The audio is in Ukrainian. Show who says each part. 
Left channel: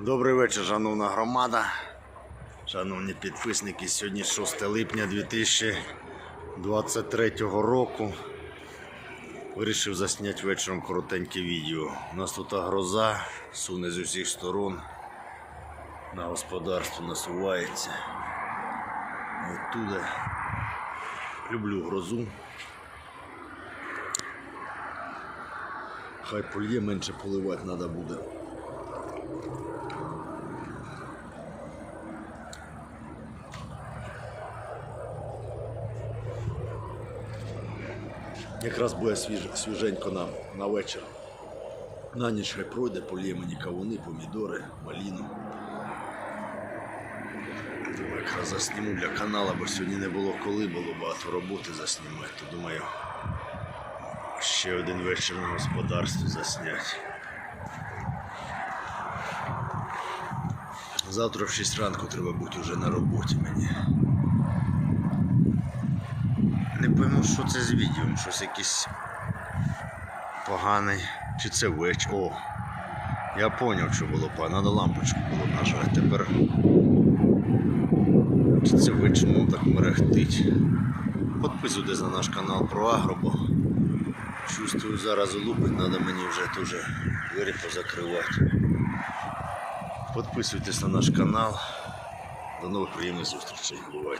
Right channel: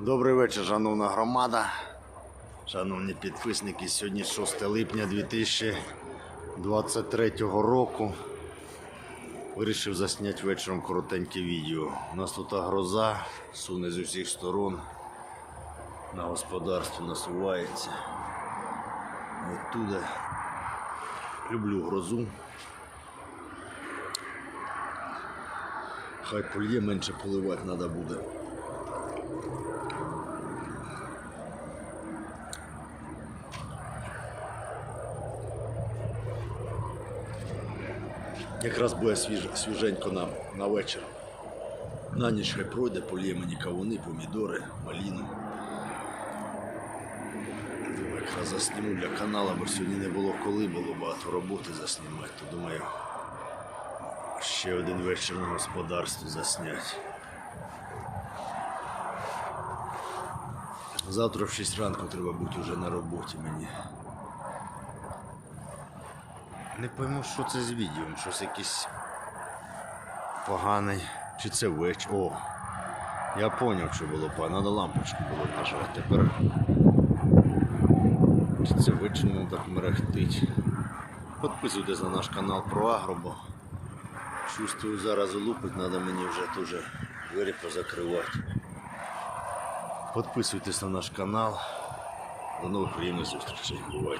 Speaker 1: Добрий вечір, шановна громада. Шановні підписники, сьогодні 6 липня 2023 року. Вирішив засняти вечором коротеньке відео. У нас тут гроза, суне з усіх сторон. На господарстві насувається. Оттуда. Люблю грозу. Хай польє менше поливати треба буде. Якраз буде свіж, свіженько на, на вечір. На ніч хай пройде, полє мені кавуни, помідори, маліну. Думаю, якраз засніму для каналу, бо сьогодні не було коли, було багато роботи заснімати. То думаю, ще один вечір на господарстві засняти. Завтра в 6 ранку треба бути вже на роботі мені. Не пойму, що це з відео, щось якийсь поганий. Чи це веч. О! Я поняв, що було погано. Надо лампочку було нажати. Тепер. Чи це вичину так мерехтить. Підписуйтесь на наш канал про агро, бо чувствую зараз лупить, треба мені вже теж двері позакривати. Підписуйтесь на наш канал. До нових приємних зустрічей. Бувайте.